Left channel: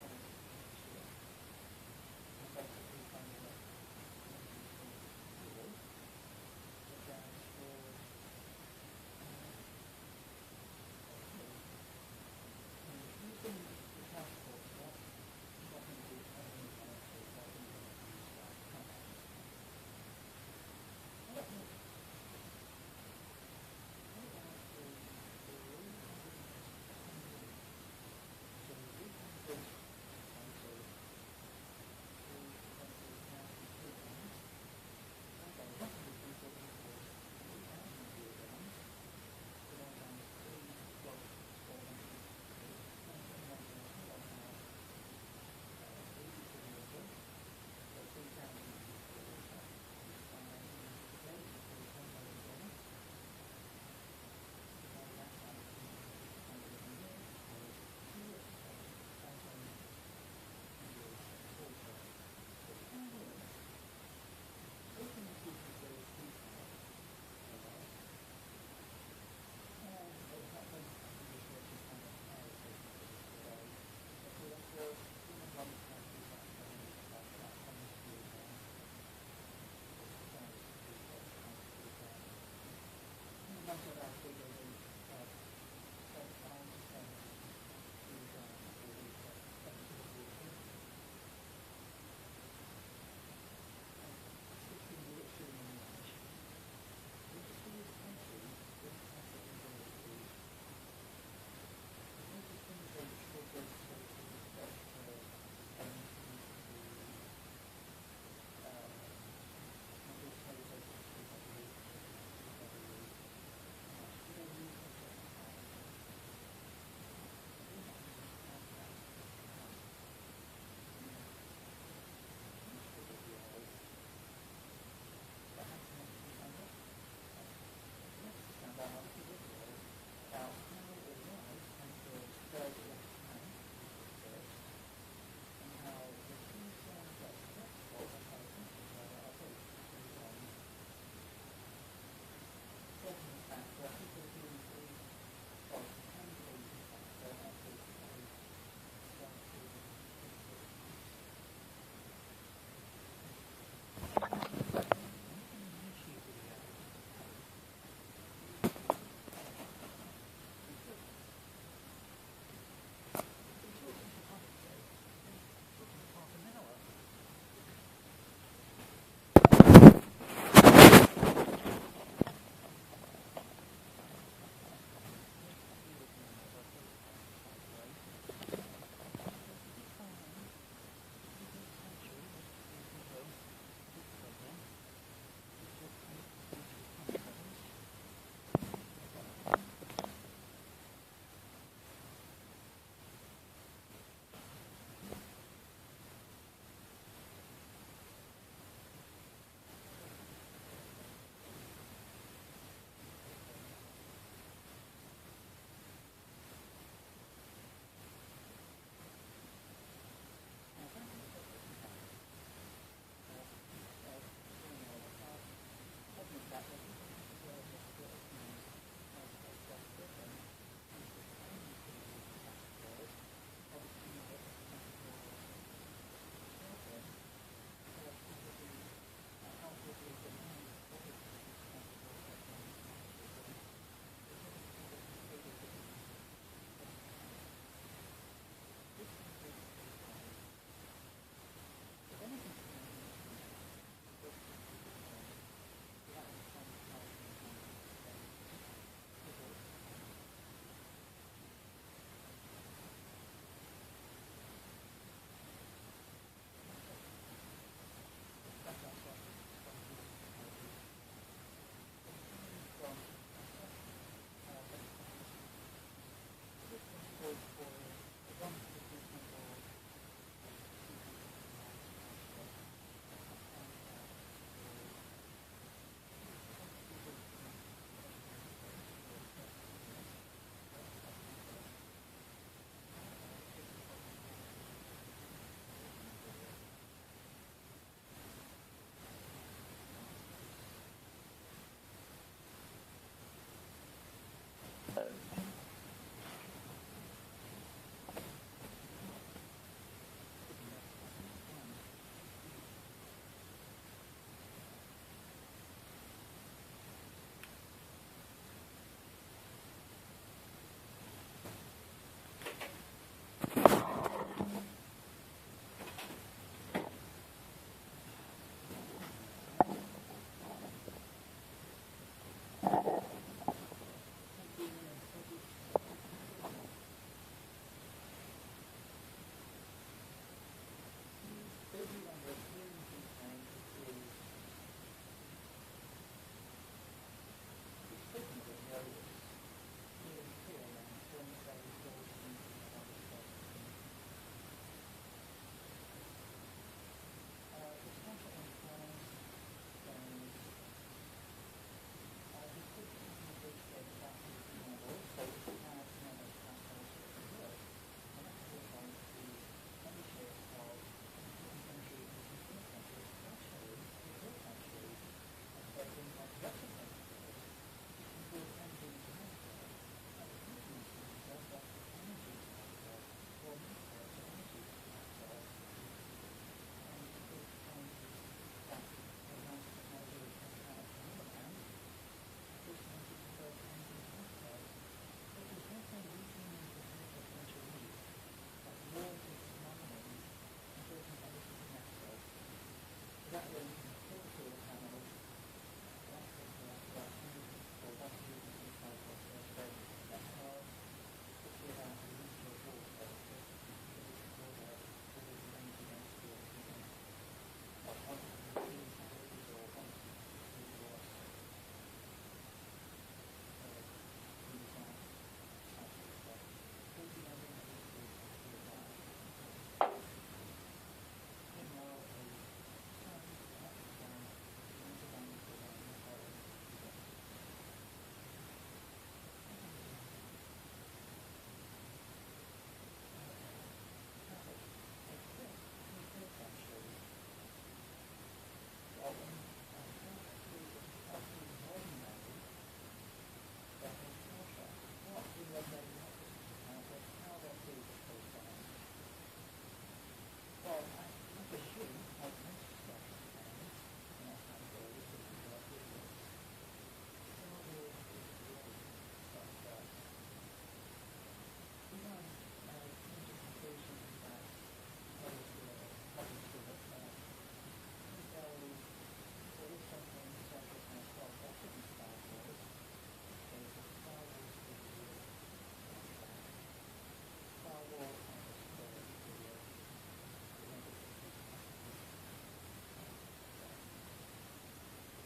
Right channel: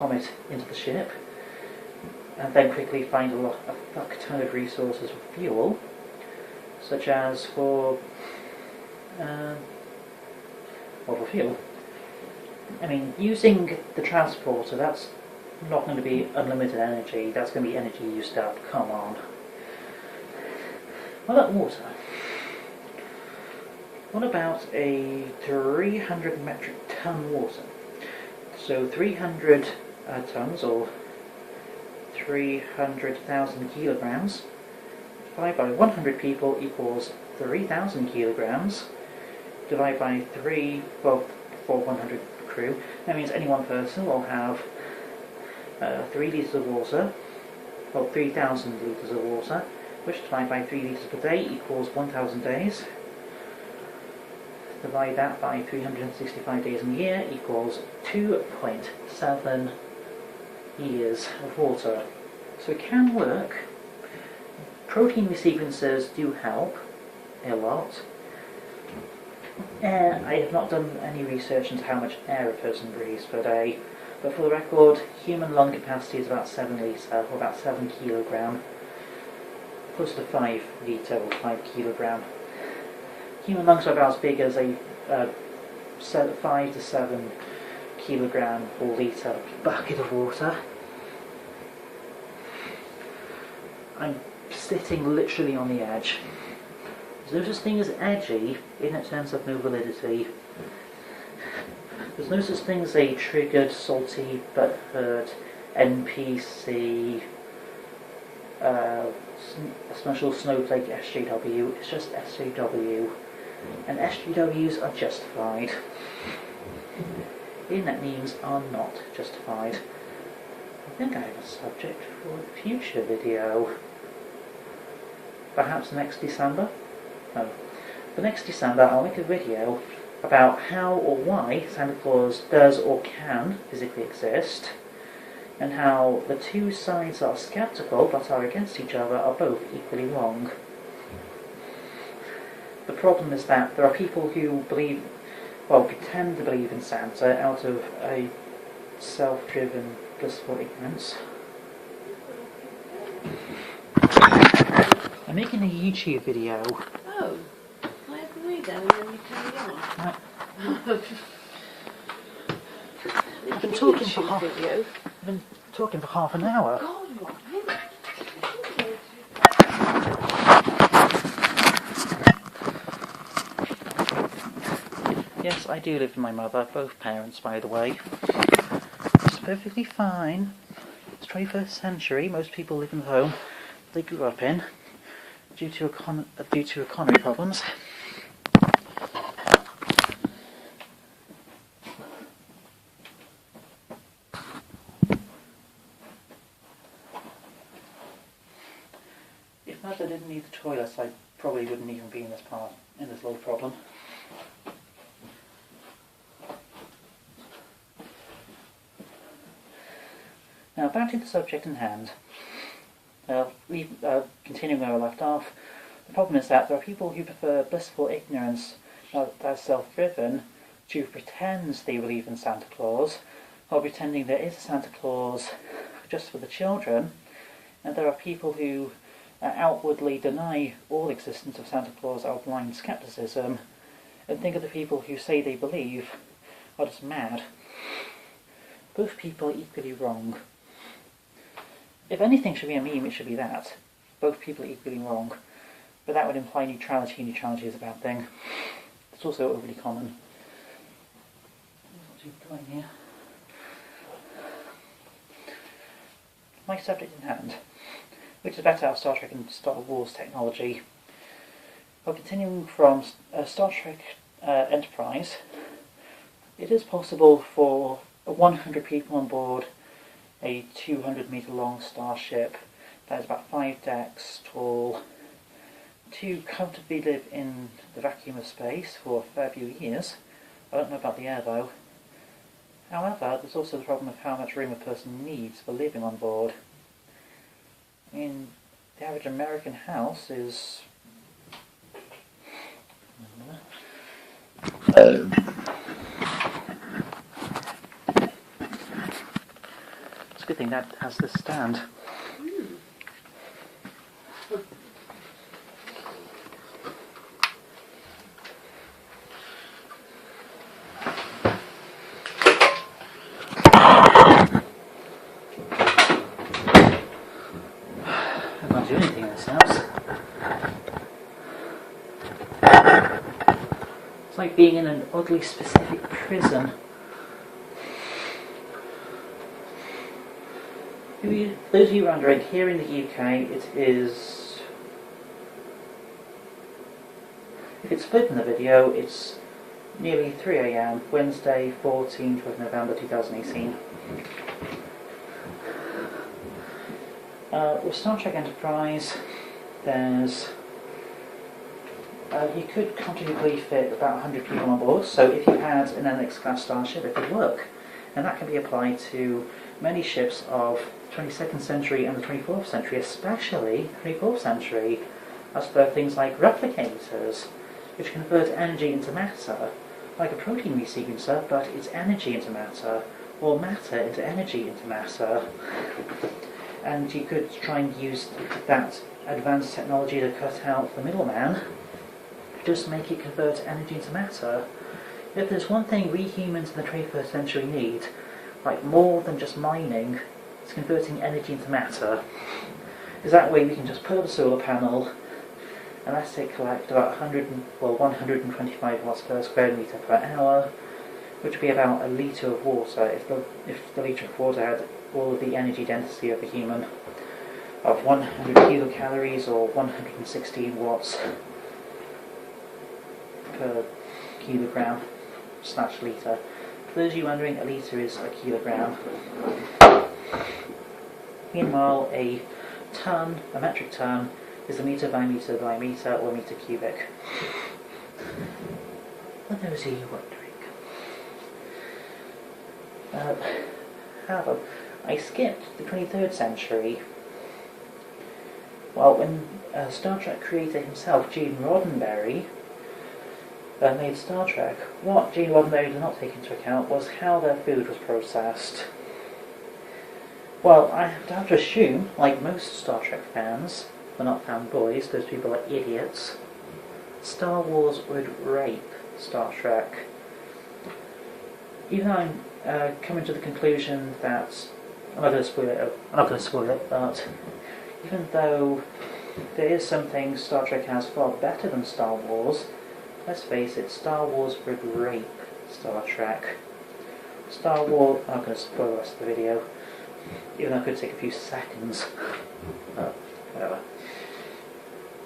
comet into the ship, and then quickly find a fuck ton of resources for fuel, such as for fuel. I mean, using the transporter, that's not going to be unlimited energy, that's going to be energy used up, come on. What about water? What about a 300 metric ton water? So 300 tons, or 300,000 kilograms, divided by 100 people equals 3,000 kilograms, divided by 3, well, for 100 crew, that means any one person will have 3 litres of water, or 3,000 litres of water, which divided by 3 litres per day equals 1,000 days. Divide that by 365 days in a year equals 2.7 years of water. So it can work. Protein resequencers do help a lot. I have not done any research into how much air a person breathes per day, but for the record, human lung capacity is about 7 litres, or about 7 kilogram, close to 5 litre or 5 kilogram. Human lungs are about as big as a 5 to 7 kilogram or litre bucket of water. I'm sitting literally on the edge. There's no such thing as edgy in terms of no validity. There's no such thing as a triggered, salty, butthurt, NPC, special snowflake SJW. It's just SJW. And SJWs are justified. Internet memes are not justified. I think I have a subject for a future video. Perhaps next December? No. For next December I'll make a video about how or why Santa Claus does or can physically exist, and how the two sides that are skeptical but are against each other are both equally wrong. The problem is that there are people who believe, well, pretend to believe in Santa out of a self-driven, blissful ignorance. I'm making a YouTube video. Oh, I have to read them and then you carry on. I've been talking for half an hour. Yes, I do live with my mother, both parents by the way. It's perfectly fine. It's 21st century, most people live in the home they grew up in due to economy problems. If mother didn't need the toilets, I probably wouldn't even be in this little problem. Now back to the subject in hand. Continuing where we left off, the problem is that there are people who prefer blissful ignorance that's self-driven to pretend they believe in Santa Claus, while pretending there is a Santa Claus just for the children, and there are people who outwardly deny all existence of Santa Claus out of blind skepticism, and think of the people who say they believe are just mad. Both people are equally wrong. If anything should be a meme, it should be that. Both people are equally wrong. But that would imply neutrality. Neutrality is a bad thing. It's also overly common. What's he doing here? My subject in hand, which is better out of Star Trek and Star Wars technology. Well, continuing from Star Trek Enterprise, it is possible for 100 people on board a 200-metre long starship that is about 5 decks tall to comfortably live in the vacuum of space for a fair few years. I don't know about the air though. However, there's also the problem of how much room a person needs for living on board. I mean, the average American house is a good thing that has this stand. I can't do anything in this house. It's like being in an oddly specific prison. Those of you wondering, here in the UK it is... If it's split in the video, it's nearly 3 AM, Wednesday 14th of November 2018. With Star Trek Enterprise, there's... you could comfortably fit about 100 people on board, so if you had an NX class starship, it could work. And that can be applied to many ships of 22nd century and the 24th century, especially the 24th century, as per things like replicators, which convert energy into matter, like a protein resequencer, but it's energy into matter, or matter into energy into matter. And you could try and use that advanced technology to cut out the middleman, just make it convert energy into matter. If there's one thing we humans in the 21st century need, like more than just mining, it's converting energy into matter. Because that way we can just put up a solar panel, and that's it collect about 125 watts per square meter per hour, which would be about a litre of water if the litre of water had all of the energy density of a human, of 100 kilocalories or 116 watts per kilogram / litre. For those of you wondering, a litre is a kilogram. Meanwhile, a ton, a metric ton, is a metre by metre by metre or metre cubic. For those of you wondering. However, I skipped the 23rd century. Well, when Star Trek creator himself, Gene Roddenberry, made Star Trek, what Gene Roddenberry did not take into account was how their food was processed. Well, I have to assume, like most Star Trek fans, but not fanboys, those people are idiots, Star Wars would rape Star Trek. Even though I'm coming to the conclusion that, I'm not going to spoil it, but even though there is something Star Trek has far better than Star Wars, let's face it, Star Wars would rape Star Trek. Star Wars... I'm not going to spoil the rest of the video, even though it could take a few seconds. Whatever.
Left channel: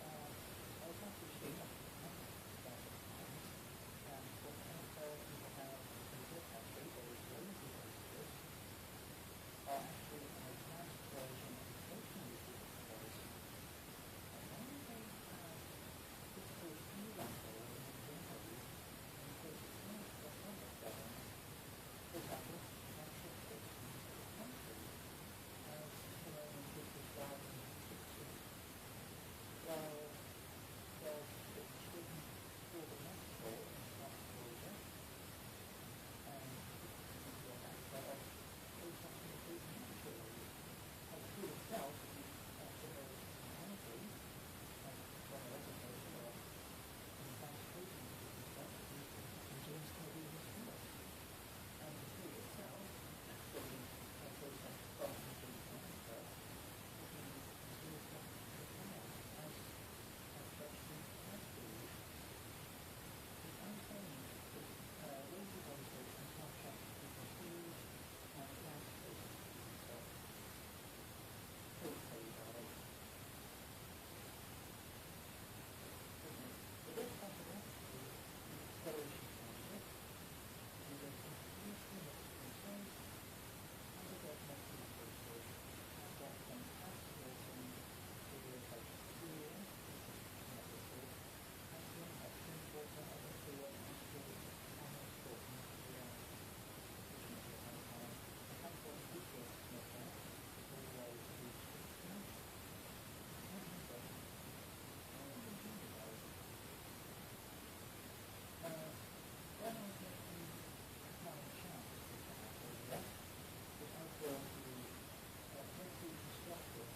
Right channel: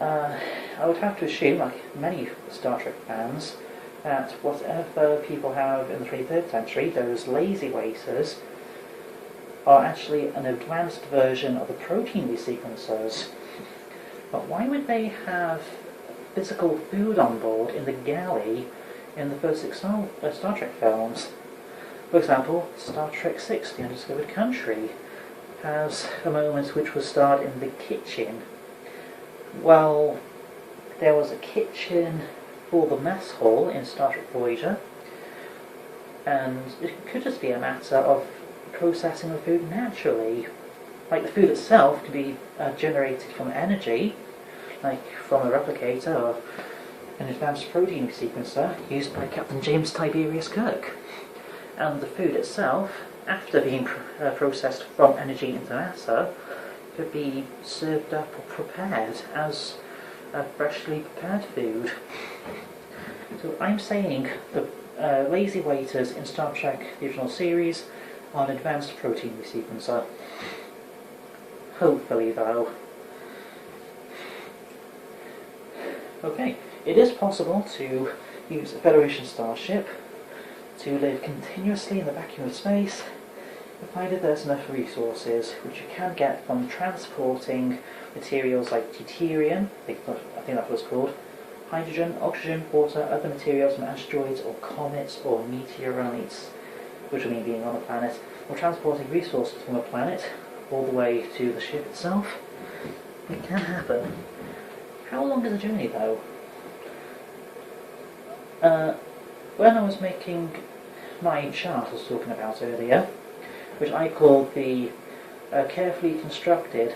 I would have to assume, like many Star Trek fans, that whatever people have in the 23rd century, those lazy waiters, are actually an advanced version of the protein resequencers. But why would they have physical food on board in the galley in the first 6 Star Trek films? For example, Star Trek VI, The Undiscovered Country, has a moment which was starred in the kitchen. Well, there was a kitchen for the mess hall in Star Trek Voyager, and it could just be a matter of processing the food naturally. Like the food itself could be generated from energy, like from a replicator or an advanced protein sequencer used by Captain James Tiberius Kirk. And the food itself, after being processed from energy into matter, could be served up or prepared as a freshly prepared food. So I'm saying the lazy waiters in Star Trek, the original series, are an advanced protein resequencer. Hopefully, though. Okay, it is possible to use a Federation starship to live continuously in the vacuum of space, provided there's enough resources, which you can get from transporting materials like deuterium, I think that's what it's called, hydrogen, oxygen, water, other materials from asteroids or comets or meteorites, which will mean being on a planet, or transporting resources from a planet all the way to the ship itself. It can happen. How long is the journey, though? When I was making my chart I was talking about earlier, which I called the carefully constructed